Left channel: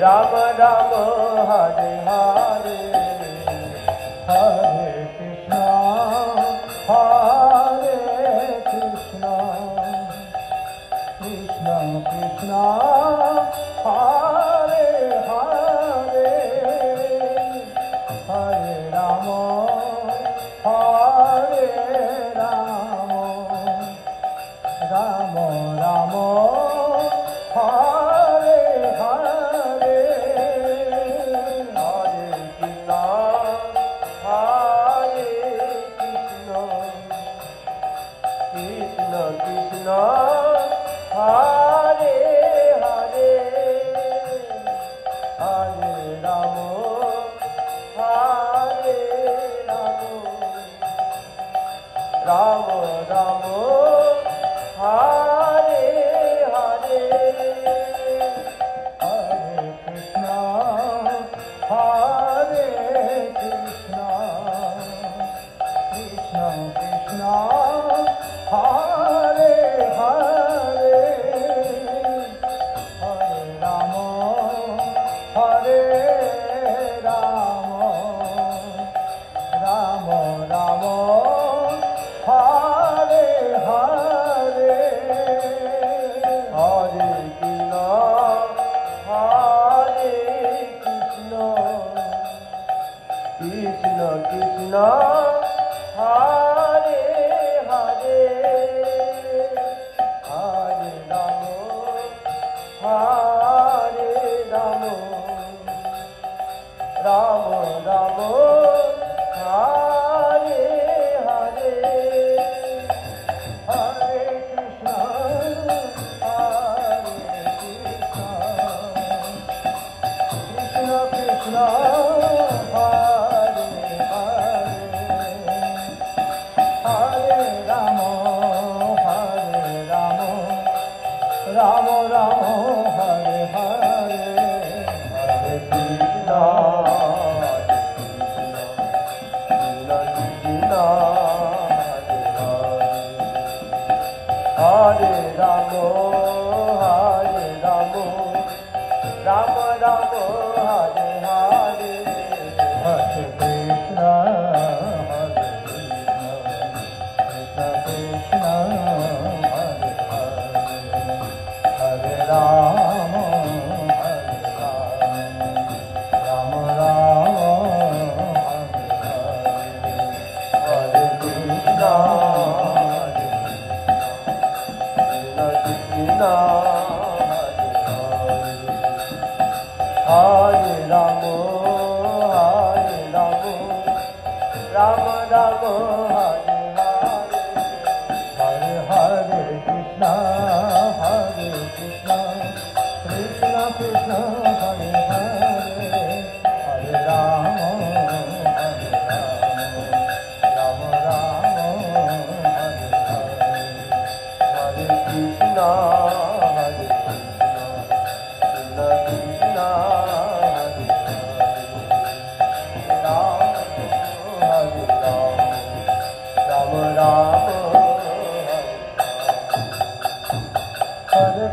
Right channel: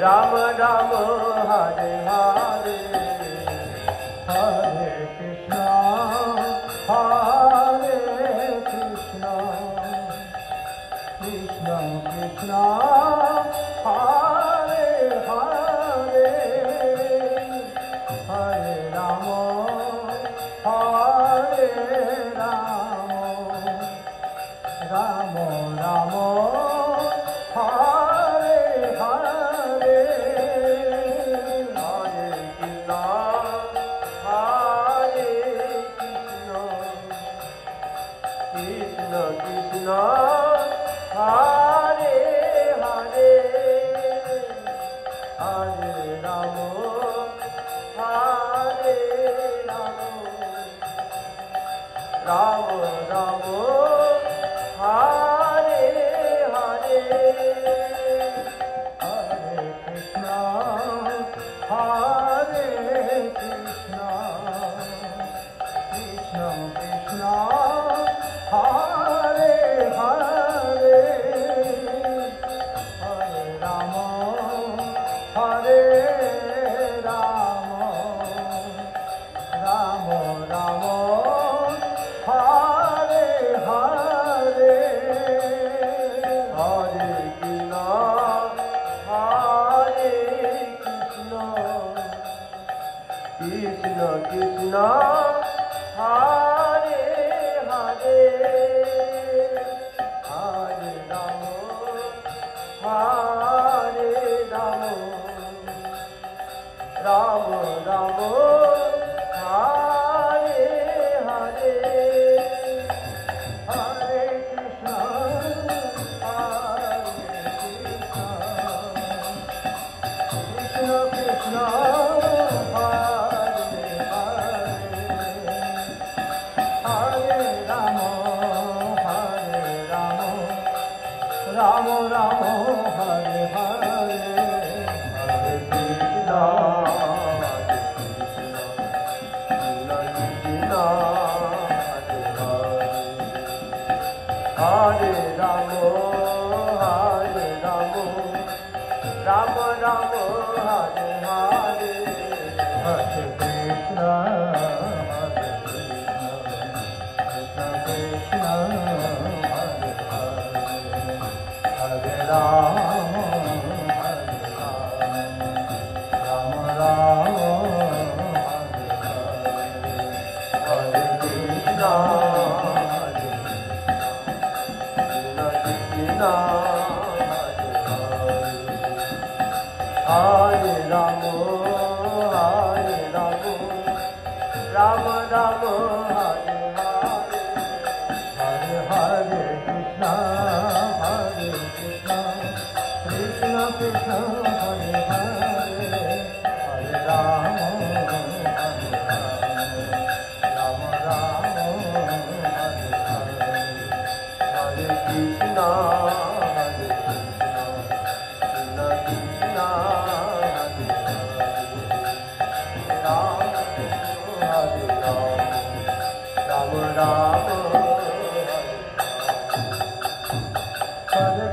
Ram Ram Hare Hare Hare Krishna Hare Krishna Krishna Krishna Hare Hare Hare Rama Hare Rama Rama Rama Hare Hare Hare Krishna Hare Krishna Krishna Krishna Hare Hare Hare Rama Hare Rama Rama Rama Hare Hare Hare Krishna Hare Krishna Krishna Krishna Hare Hare Hare Rama Hare Rama Rama Rama Hare Hare Hare Krishna Hare Krishna Krishna Krishna Hare Hare Hare Rama Hare Rama Rama Rama Hare Hare Hare Krishna Hare Krishna Krishna Krishna Hare Hare Hare Rama Hare Rama Rama Rama Hare Hare Hare Krishna Krishna Hare Rama Hare Rama Rama Rama Hare Hare Hare Krishna Hare Krishna Krishna Krishna Hare Hare Hare Rama Hare Rama Rama Hare Hare Krishna Krishna Hare Rama Hare Rama Rama Rama Hare Hare Hare Krishna Krishna Krishna Hare Hare Hare Rama Hare Rama Rama Hare Hare Krishna Hare Krishna Krishna Hare Rama Rama Hare Rama Hare